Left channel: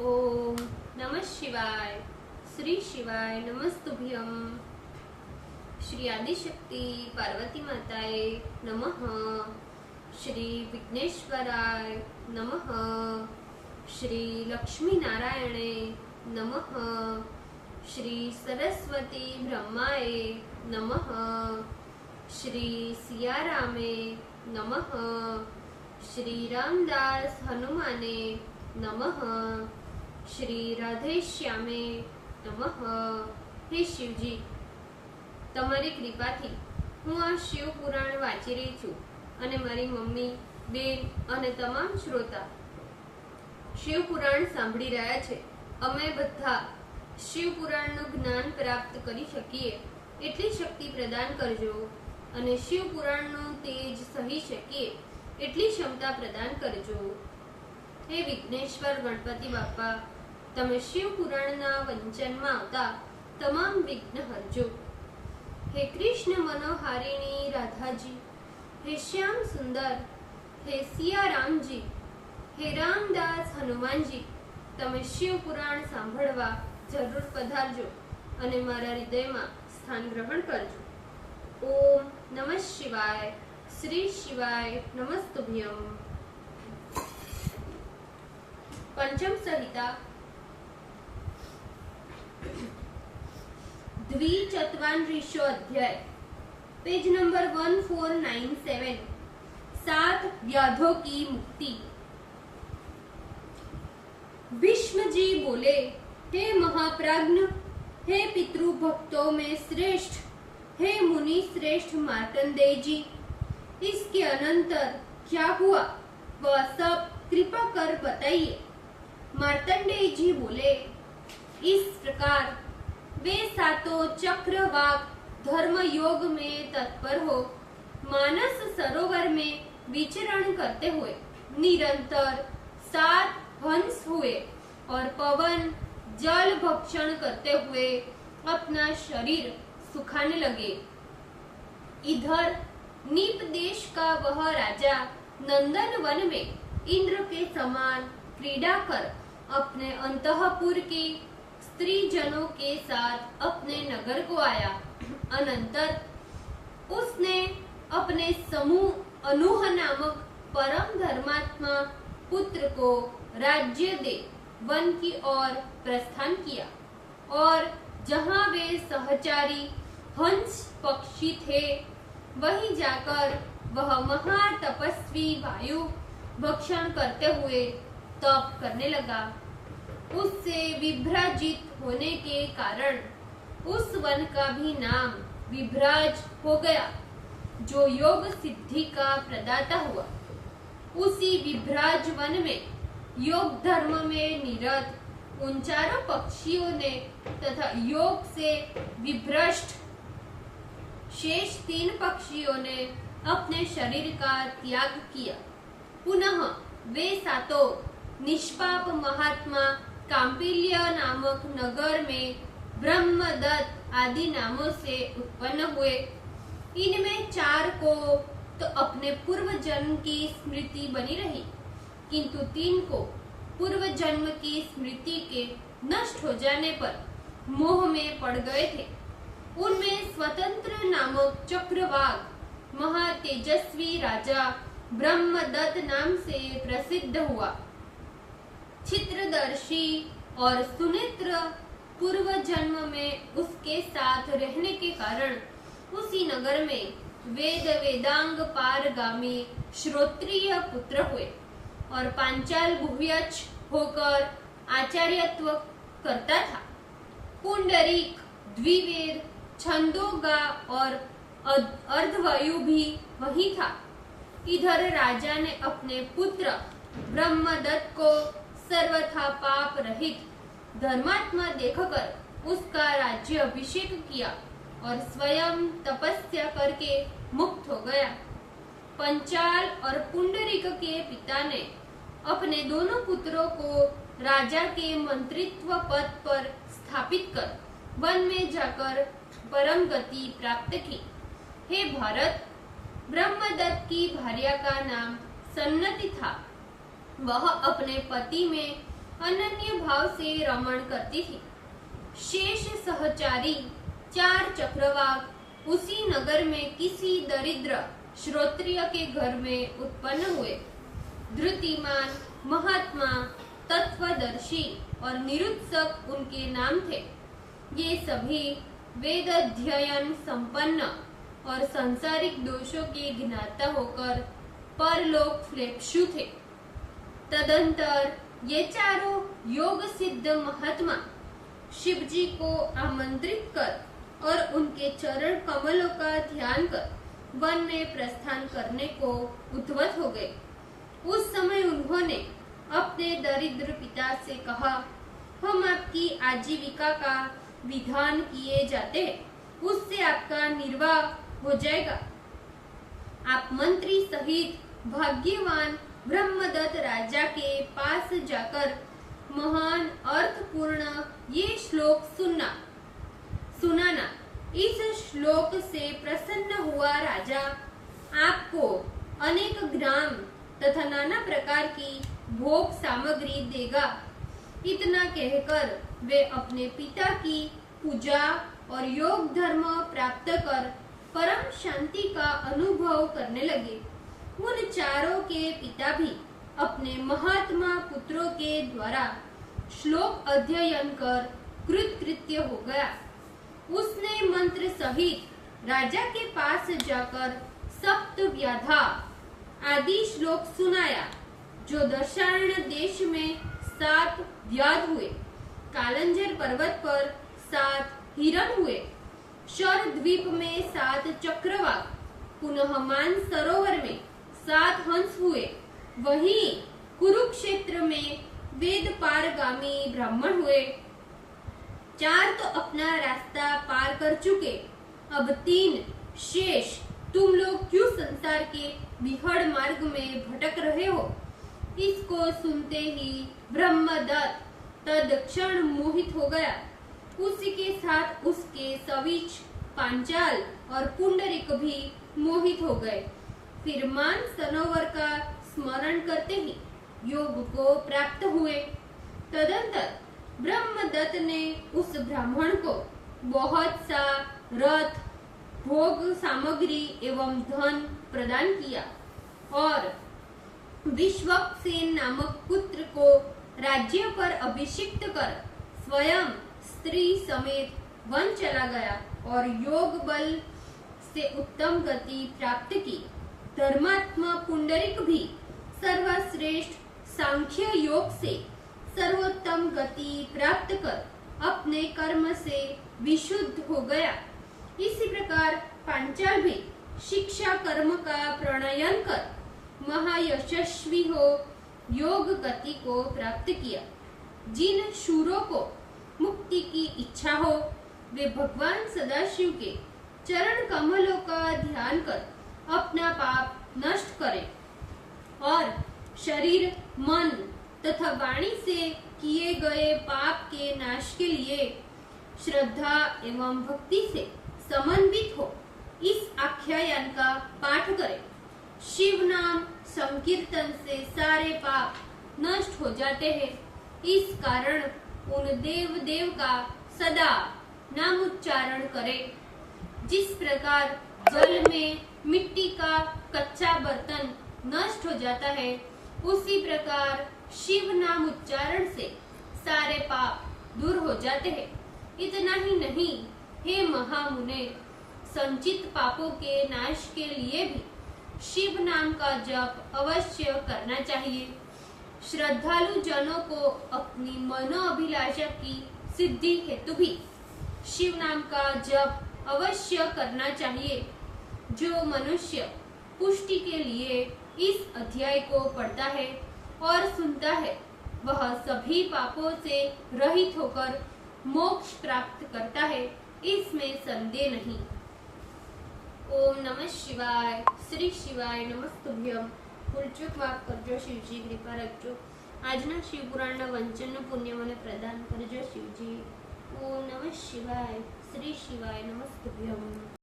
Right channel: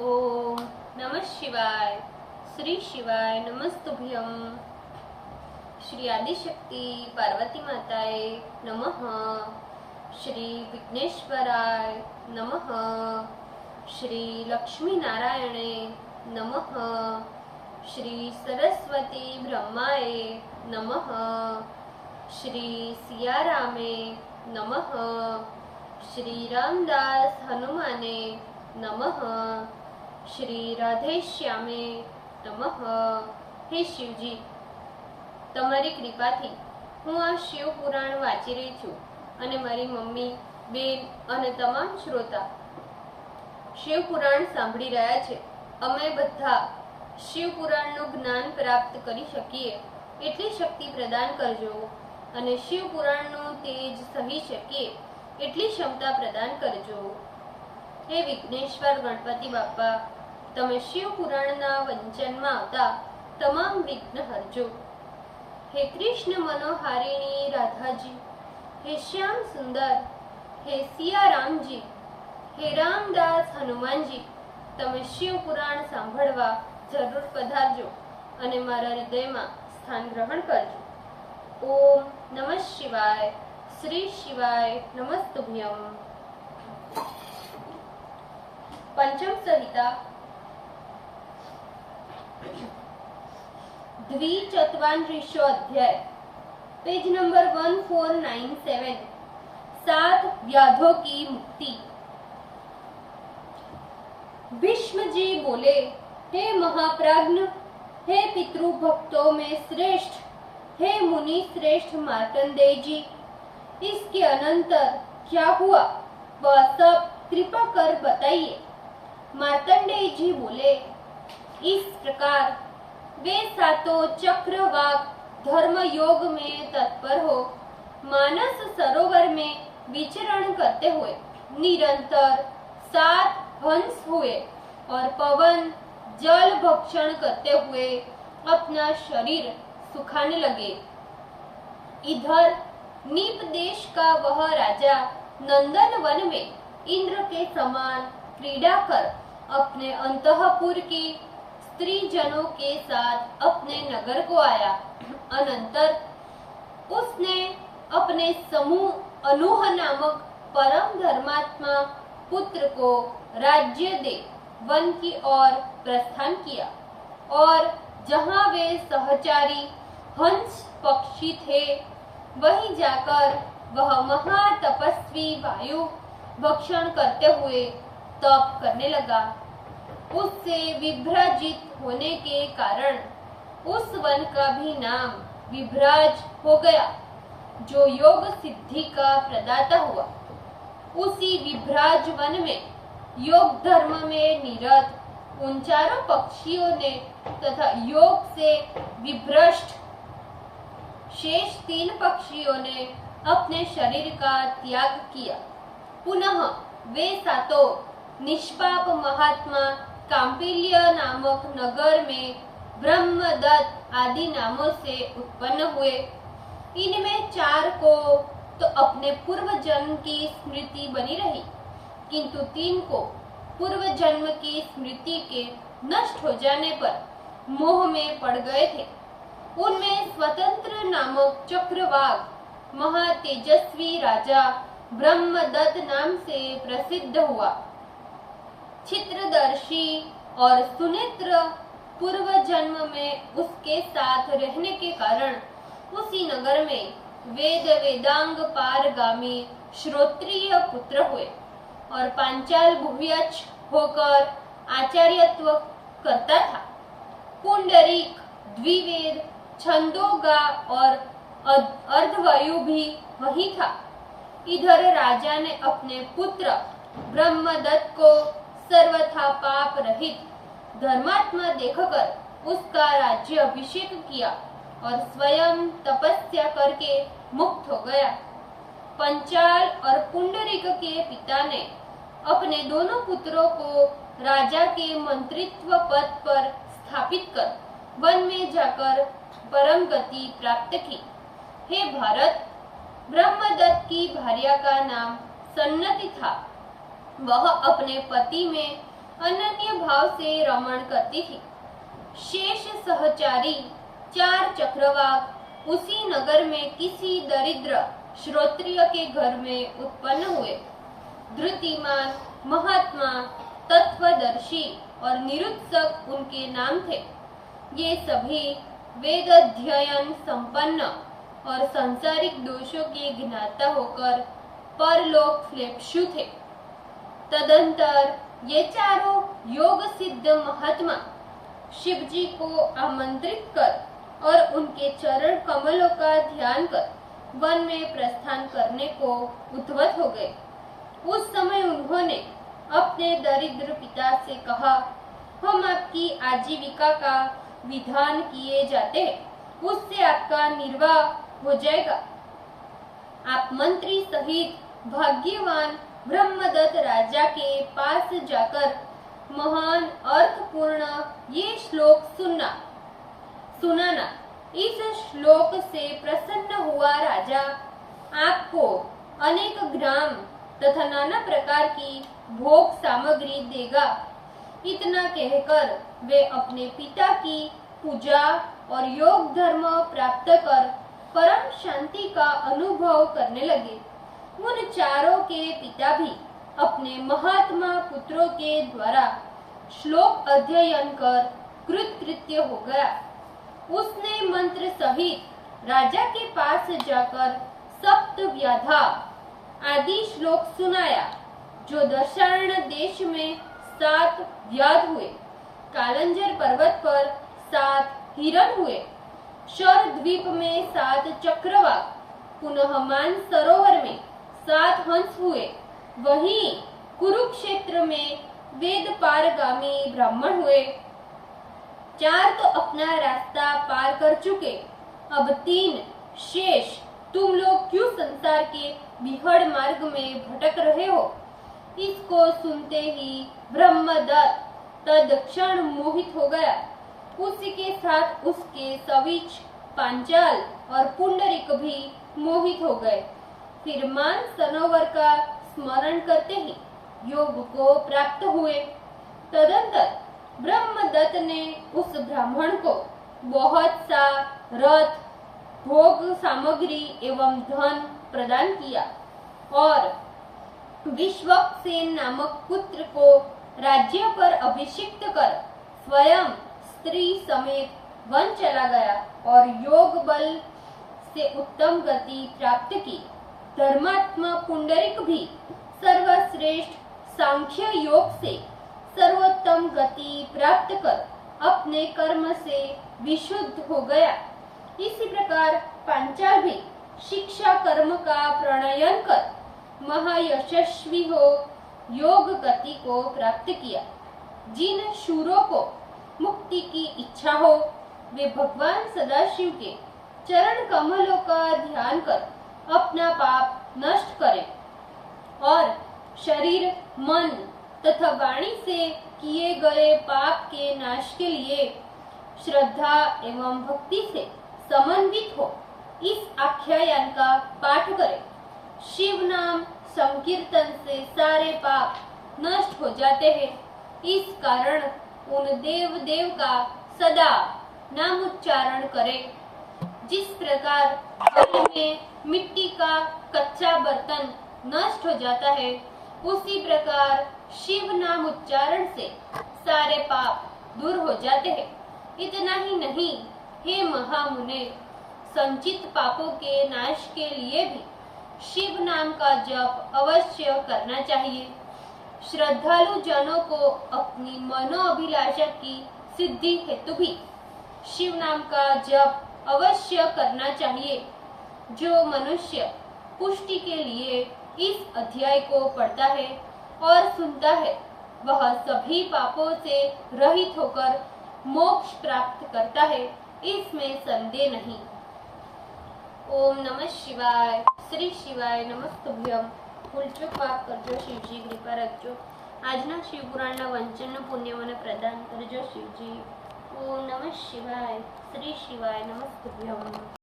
ओम नमः शिवाय। श्री शिवाय नमस्तुभ्यं। श्री आदिशक्ति पार्वती माताए नमः। श्री विघ्नेश्वराय नमः। श्री लक्ष्मी नारायणे नमः। श्री सरस्वती ब्रह्माए नमः। श्री सियारामे नमः। श्री रामदास हनुमाने नमः। श्री राधे श्यामे नमः। हे शिवजी, તમારી કૃપાથી હું આ શિવ પુરાણ વાંચી રહી છું અને મારી મમ્મી, બેન અને તમામ શ્રોતા શિવ પુરાણ સાંભળી રહ્યા છે। અમે બધા શિવ પુરાણનું જ્ઞાન પ્રાપ્ત કરી શકીએ એટલી શક્તિ પ્રદાન કરજો અને શિવ પુરાણનું તેજ સહી શકીએ એટલી ક્ષમતા પ્રદાન કરજો। हे विघ्नेश्वर गणपति बापा, तमे शिव पुराणना वंचनमा आवता तमाम विघ्न हरजो। हे कृष्ण मनोहारिणी राधाजी, हे श्याम सुंदर, हे सिया रामजी, हे रामदास हनुमानजी, तमे शिव पुराण सांभळवा जरूर पधारजो अने मारा हृदयमां स्थान ग्रहण करजो। ओम नमः शिवाय। श्री शिवाय नमस्तुभ्यं। पंचम संहिता द्विचत्वारिंशो अध्याय, पेज नंबर 1497। 7 व्याधों की मुक्ति। भीष्म जी बोले, हे महाप्राज्ञ, हे पितृभक्तों में श्रेष्ठ, हे मुनि श्रेष्ठ मार्कंडेय जी, इसके अनंतर क्या हुआ वह सब कृपा कर बताइए। मार्कंडेय जी बोले, इस प्रकार वे सातों चक्रवाक धर्म योग में तत्पर हो मानस सरोवर में विचरण करते हुए निरंतर 7 हंस हुए और पवन जल भक्षण करते हुए अपना शरीर सुखाने लगे। इधर नीप देश का वह राजा नंदन वन में इंद्र के समान क्रीड़ा कर अपने अंतःपुर की स्त्री जनों के साथ अपने नगर को आया। अनंतर उसने अपने समूह अनूह नामक परम धर्मात्मा पुत्र को राज्य दे वन की ओर प्रस्थान किया और जहाँ वे सहचारी हंस पक्षी थे वहीं जाकर वह महातपस्वी वायु भक्षण करते हुए तप करने लगा। उससे विभ्राजित होने के कारण उस वन का भी नाम विभ्राज हो गया, जो योग सिद्धि का प्रदाता हुआ। उसी विभ्राज वन में योग धर्म में निरत उन चारों पक्षियों ने तथा योग से विभ्रष्ट शेष 3 पक्षियों ने अपने शरीर का त्याग किया। पुनः वे सातों निष्पाप महात्मा कांपिल्य नामक नगर में ब्रह्मदत्त आदि नामों से उत्पन्न हुए। इनमें 4 को तो अपने पूर्व जन्म की स्मृति बनी रही, किंतु 3 को पूर्व जन्म की स्मृति के नष्ट हो जाने पर मोह में पड़ गए थे। उनमें स्वतंत्र नामक चक्रवाक महातेजस्वी राजा ब्रह्मदत्त नाम से प्रसिद्ध हुआ। चित्रदर्शी और सुनेत्र पूर्व जन्म में उसके साथ रहने के कारण उसी नगर में वेद वेदांग पारगामी श्रोत्रिय पुत्र हुए और पांचाल भुव्यच होकर आचार्यत्व करता था। पुंडरीक द्विवेद छंदोगा और अर्धवायु भी वही था। इधर राजा ने अपने पुत्र ब्रह्मदत्त को सर्वथा पाप रहित धर्मात्मा देखकर उसका राज्य अभिषेक किया और स्वयं तपस्या करके मुक्त हो गया। पंचाल और पुंडरीक के पिता ने अपने दोनों पुत्रों को राजा के मंत्रित्व पद पर स्थापित कर वन में जाकर परम गति प्राप्त की। हे भारत, ब्रह्मदत्त की भार्या का नाम सन्नति था। वह अपने पति में अनन्य भाव से रमण करती थी। शेष सहचारी 4 चक्रवाक उसी नगर में किसी दरिद्र श्रोत्रिय के घर में उत्पन्न हुए। धृतिमान, महात्मा, तत्वदर्शी और निरुत्सक उनके नाम थे। ये सभी वेद अध्ययन संपन्न और सांसारिक दोषों के ज्ञाता होकर परलोक फ्लेप्सु थे। तदंतर ये चारों योग सिद्ध महात्मा शिव जी को आमंत्रित कर और उनके चरण कमलों का ध्यान कर वन में प्रस्थान करने को उद्यत हो गए। उस समय उन्होंने अपने दरिद्र पिता से कहा, हम आपकी आजीविका का विधान किए जाते हैं, उससे आपका निर्वाह हो जाएगा। आप मंत्री सहित भाग्यवान ब्रह्मदत्त राजा के पास जाकर महान अर्थपूर्ण ये श्लोक सुनाना। इस श्लोक से प्रसन्न हुआ राजा आपको अनेक ग्राम तथा नाना प्रकार की भोग सामग्री देगा। इतना कहकर वे अपने पिता की पूजा और योग धर्म प्राप्त कर परम शांति का अनुभव करने लगे। उन चारों के पिता भी अपने महात्मा पुत्रों के द्वारा श्लोक अध्ययन कर कृतकृत्य हो गया। उसने मंत्र सहित राजा के पास जाकर सप्त व्याधा आदि श्लोक सुनाया, जो दशार्ण देश में 7 व्याध हुए, कालंजर पर्वत पर 7 हिरण हुए, शर द्वीप में 7 चक्रवाक, पुनः मान सरोवर में 7 हंस हुए, वहीं कुरुक्षेत्र में वेद पारगामी ब्राह्मण हुए। 4 तो अपना रास्ता पार कर चुके, अब 3 शेष। तुम लोग क्यों संसार के विहड़ मार्ग में भटक रहे हो? इसको सुनते ही ब्रह्मदत्त तत्क्षण मोहित हो गया। उसी के साथ उसके सविच, पांचाल और पुंडरीक भी मोहित हो गए। फिर मान सरोवर का स्मरण करते ही योग को प्राप्त हुए। तदंतर ब्रह्मदत्त ने उस ब्राह्मण को बहुत सा रथ, भोग सामग्री एवं धन प्रदान किया और विश्वक्सेन नामक पुत्र को राज्य पर अभिषिक्त कर स्वयं स्त्री समेत वन चला गया और योग बल से उत्तम गति प्राप्त की। धर्मात्मा पुंडरीक भी सर्वश्रेष्ठ सांख्य योग से सर्वोत्तम गति प्राप्त कर अपने कर्म से विशुद्ध हो गया। इसी प्रकार पांचाल भी शिक्षा कर्म का प्रणयन कर महायशस्वी हो योग गति को प्राप्त किया। जिन शूरों को मुक्ति की इच्छा हो, वे भगवान सदाशिव के चरण कमलों का ध्यान कर अपना पाप नष्ट करें और शरीर, मन तथा वाणी से किए गए पाप के नाश के लिए श्रद्धा एवं भक्ति से समन्वित हो इस आख्यान का पाठ करें। शिव नाम संकीर्तन से सारे पाप नष्ट हो जाते हैं। इस कारण उन देव का सदा नाम उच्चारण करें। जिस प्रकार जल में मिट्टी का कच्चा बर्तन नष्ट हो जाता है, उसी प्रकार शिव नाम उच्चारण से सारे पाप दूर हो जाते हैं। इतना ही नहीं, हे महामुने, संचित पापों के नाश के लिए भी शिव नाम का जप अवश्य करना चाहिए। श्रद्धालु जनों को अपनी मनोअभिलाषा की सिद्धि हेतु भी शिव नाम का जप अवश्य करना चाहिए। जो मनुष्य पुष्टि के लिए इस अध्याय को पढ़ता है और सुनता है, वह सभी पापों से रहित होकर मोक्ष प्राप्त करता है, इसमें संदेह नहीं। ओम नमः शिवाय। श्री शिवाय नमस्तुभ्यम। ભૂલચૂક માફ કરજો શિવજી, કૃપા રાખજો। આજના શિવપુરાણના વંચનનું પુણ્ય મને પ્રદાન કરજો શિવજી। ઓમ નમઃ શિવાય। શ્રી શિવાય નમસ્તુભ્યમ।